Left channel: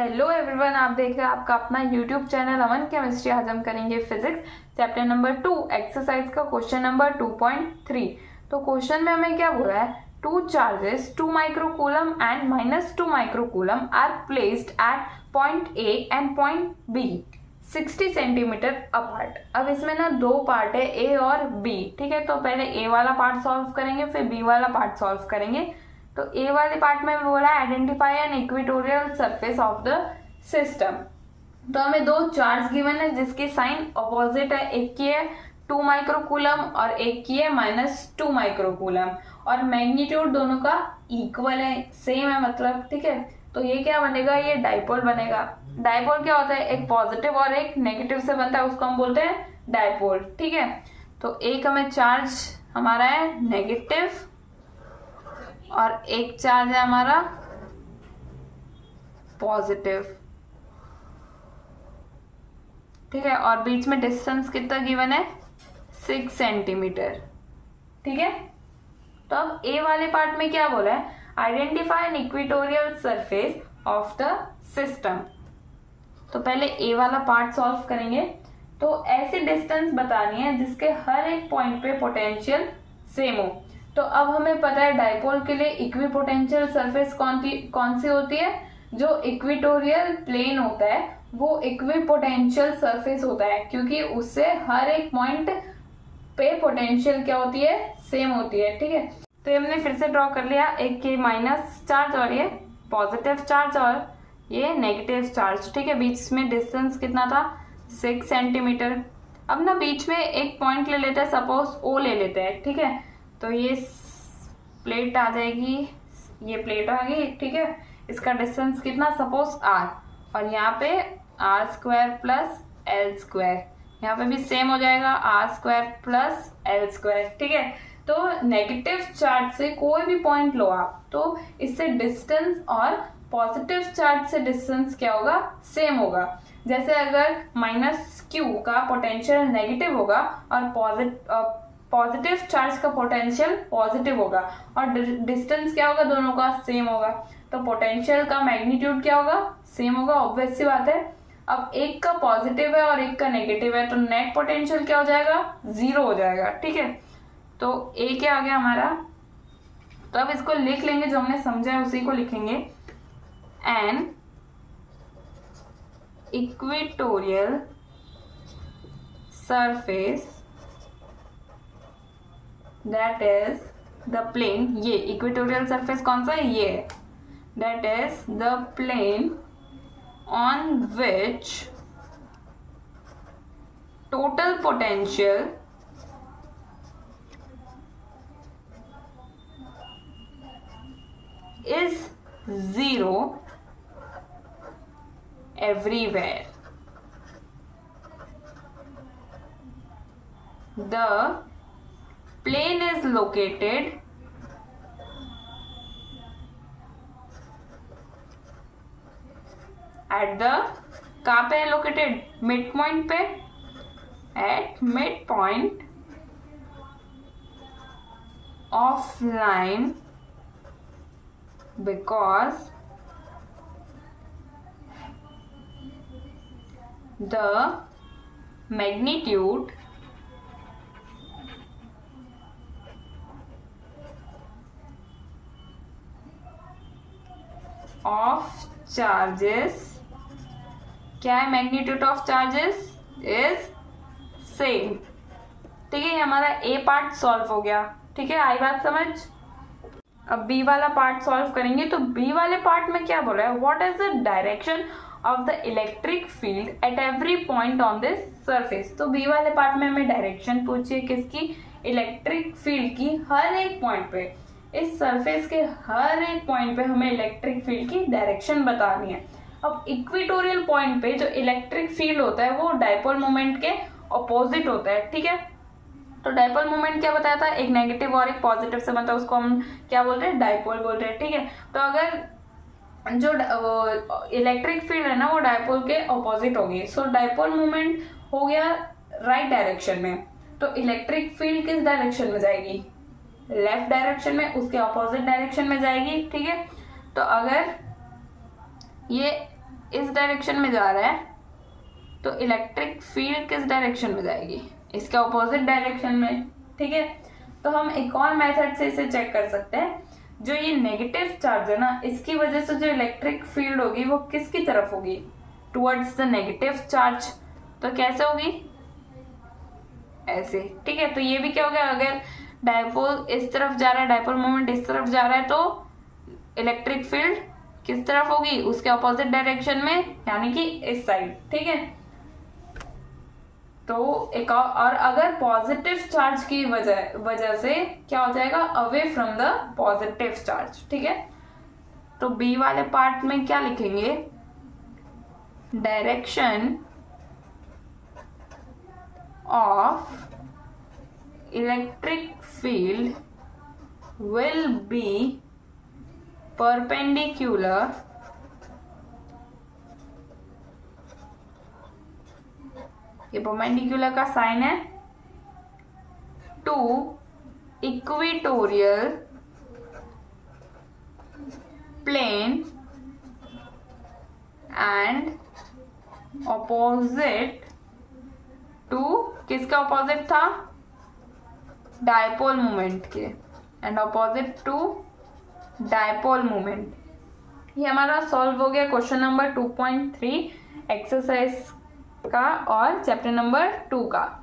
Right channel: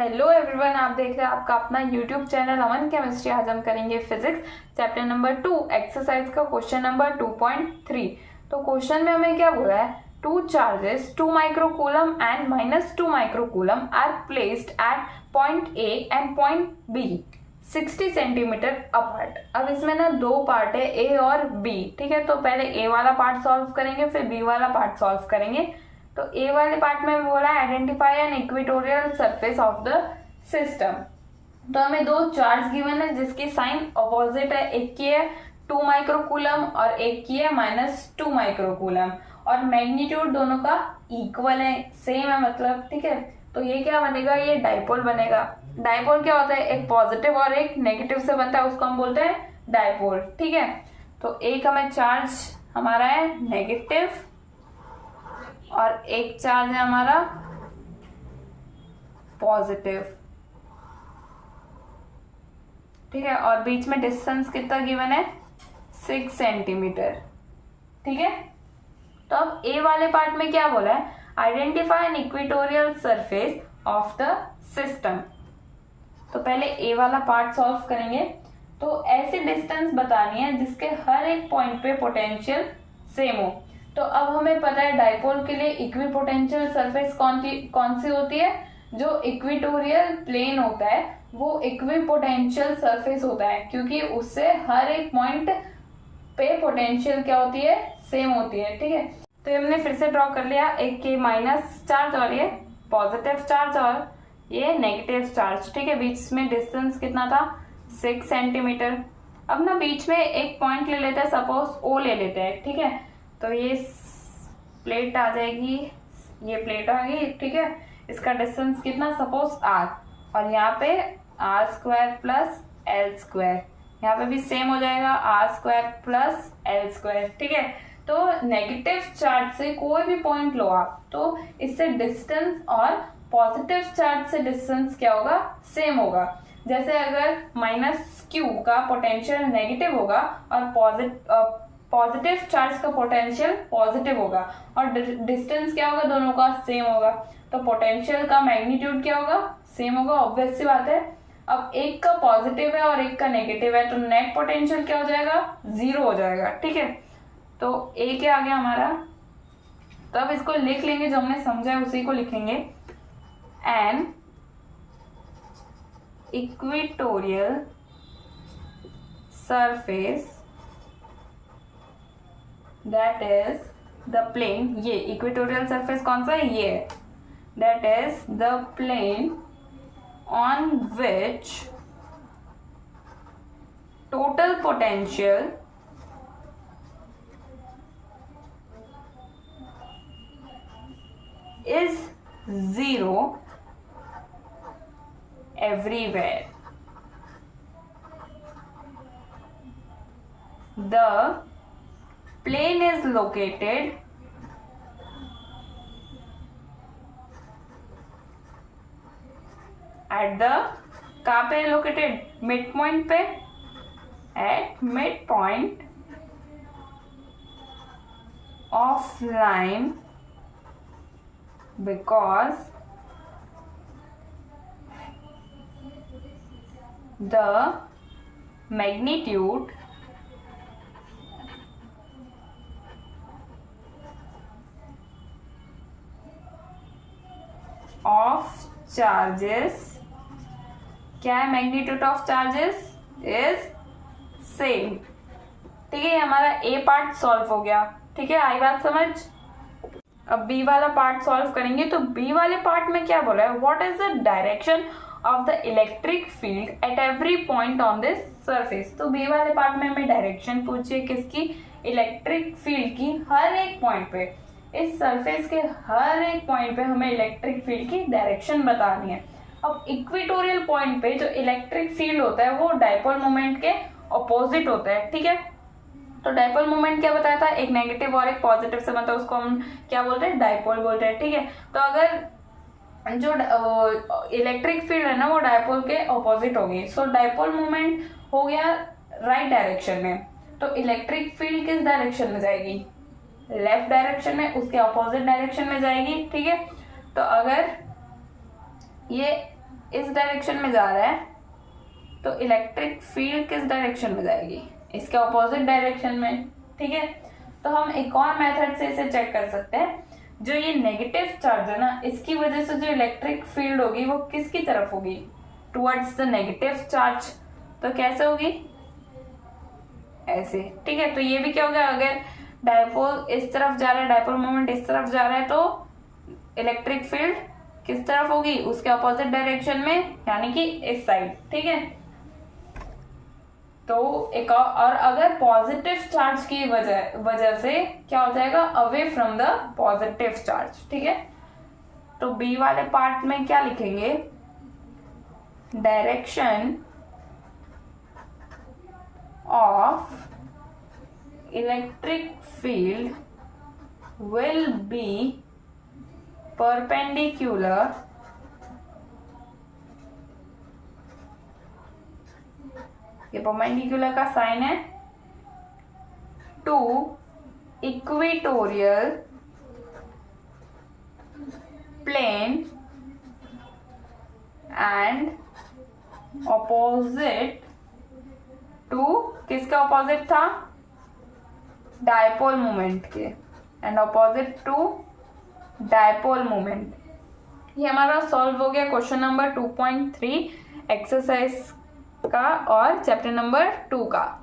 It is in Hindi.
हेलो एवरीवन, आप देख रहे हैं आपका अपना यूट्यूब चैनल अमन केमिस्ट्री। आज हम करेंगे फिजिक्स चैप्टर नंबर 2 एक्सरसाइज का क्वेश्चन नंबर 2.3। तो क्वेश्चन में हमें क्या बोला है, two charges 2 microcoulomb and -2 microcoulomb are placed at point A and point B 60 centimetre apart. अब इसमें ना दो पार्ट है, ए और बी। ठीक है, तो पहले ए वाला पार्ट सॉल्व करेंगे, फिर बी वाला पार्ट सॉल्व करेंगे। तो ए वाले पार्ट में बोला identify N equatorial surface of the system. तो हमें दो चार्ज गिवन है जिसकी साइन अपोजिट है, एक की है 2 माइक्रोकूलम और एक की है -2 माइक्रोकूलम, और मैग्नीट्यूड दोनों का इक्वल है, सेम है मतलब। ठीक है, तो ये क्या बनेगा, ये डाइपोल बनेगा। डाइपोल क्या होता है, एक पॉजिटिव और एक नेगेटिव से बनता है, उसको हम बोलते हैं डाइपोल। ठीक है, तो एक हमें चार्ज हमारा है नेगेटिव और एक चार्ज है हमारा पॉजिटिव। ठीक है, और बीच में डिस्टेंस कितना गिवन है, 6 सेंटीमीटर। ठीक है, तो अब ए वाले पार्ट में क्या बोला है, identify N equatorial surface of the system. तो पहले ए वाला पार्ट सॉल्व करेंगे। तो ऐसी डिस्टेंस बतानी है जिसके हर एक पॉइंट पे पोटेंशियल सेम हो। तो अब हमें पता है डाइपोल के लिए इक्विपोटेंशियल सरफेस कौन सी होती है, जो इक्वेटोरियल प्लेन होता है वो इक्विपोटेंशियल सरफेस होता है, क्योंकि उससे हर एक पॉइंट पे पोटेंशियल क्या होती है, सेम होती है। ठीक है, तो हमने फिर से ड्रॉ कर लिया, एक के माइनस चार्ज और ये पॉजिटिव चार्ज और ये नेगेटिव चार्ज। ठीक है, बीच में डिस्टेंस कितना था, 6 सेंटीमीटर। अब ना बीच में एक पॉइंट ले लेते हैं, सपोज ओ ले लेते हैं। ठीक है, तो ये प्लेट आ जाएगी, ये प्लेट आ गई। ठीक है, इसका डिस्टेंस कितना, सपोज r, और यहाँ पे r² प्लस l², यहाँ पे भी सेम हो जाएगा r² प्लस l²। ठीक है, तो नेगेटिव चार्ज से कोई भी पॉइंट लो आप, तो इससे डिस्टेंस और पॉजिटिव चार्ज से डिस्टेंस क्या होगा, सेम होगा। जैसे अगर -q का पोटेंशियल नेगेटिव होगा और पॉजिटिव चार्ज का पोटेंशियल पॉजिटिव होगा, और डिस्टेंस क्या होगा, दोनों का सेम होगा, तो पोटेंशियल का मैग्नीट्यूड क्या होगा, सेम होगा। ऑब्वियस सी बात है। अब एक का पॉजिटिव है और एक का नेगेटिव है, तो नेट पोटेंशियल क्या हो जाएगा, 0 हो जाएगा। ठीक है, तो ए क्या आ गया हमारा। तो अब इसको लिख लेंगे, जो हमने समझा है उसी को लिखेंगे। An equatorial surface that is the plane, ये इक्वेटोरियल सरफेस कौन सा है, ये, that is the plane on which total potential is 0 everywhere. The plane is located at the, कहाँ पे है लोकेटेड, मिड पॉइंट पे, at mid point of line, because the magnitude of charges, क्या है, magnitude of charges is same. ठीक है, हमारा ए पार्ट सॉल्व हो गया। ठीक है, आई बात समझ। अब बी वाला पार्ट सॉल्व करेंगे। तो बी वाले पार्ट में क्या बोला है, what is the direction of the electric field at every point on this surface. तो बी वाले पार्ट में हमें डायरेक्शन पूछिए, किसकी, इलेक्ट्रिक फील्ड की, हर एक पॉइंट पे, इस सरफेस के हर एक पॉइंट पे हमें इलेक्ट्रिक फील्ड की डायरेक्शन बतानी है। अब इक्वेटोरियल पॉइंट पे जो इलेक्ट्रिक फील्ड होता है वो डाइपोल मोमेंट के अपोजिट होता है। ठीक है, तो डाइपोल मोमेंट क्या बताया था, एक नेगेटिव और एक पॉजिटिव से बनता है, उसको हम क्या बोलते हैं, डाइपोल बोलते हैं। ठीक है, तो अगर जो इलेक्ट्रिक फील्ड है ना वो डाइपोल के अपोजिट होगी, सो डाइपोल मोमेंट हो गया राइट डायरेक्शन में, तो इलेक्ट्रिक फील्ड किस डायरेक्शन में जाएगी, लेफ्ट डायरेक्शन में, उसके अपोजिट डायरेक्शन में जाएगी। ठीक है, तो अगर ये इस डायरेक्शन में जा रहा है तो इलेक्ट्रिक फील्ड किस डायरेक्शन में जाएगी, इसके ऑपोजिट डायरेक्शन में। ठीक है, तो हम एक और मेथड से इसे चेक कर सकते हैं। जो ये नेगेटिव चार्ज है ना, इसकी वजह से जो इलेक्ट्रिक फील्ड होगी वो किसकी तरफ होगी, टुवर्ड्स द नेगेटिव चार्ज। तो कैसे होगी, ऐसे। ठीक है, तो ये भी क्या हो गया, अगर डायपोल इस तरफ जा रहा है, डायपोल मोमेंट इस तरफ जा रहा है, तो इलेक्ट्रिक फील्ड किस तरफ होगी, उसके ऑपोजिट डायरेक्शन में, यानी कि इस साइड। ठीक है, तो एक और अगर पॉजिटिव चार्ज की वजह से क्या हो जाएगा, away from the positive charge. ठीक है, तो बी वाले पार्ट में क्या लिखेंगे, direction of electric field will be perpendicular ये परपेंडिकुलर का साइन है, to equatorial plane and opposite to, किसका ऑपोजिट था, डायपोल मोमेंट के, and opposite to dipole moment. ये हमारा सॉल्व हो गया क्वेश्चन नंबर 2.3 एक्सरसाइज का और चैप्टर नंबर 2 का।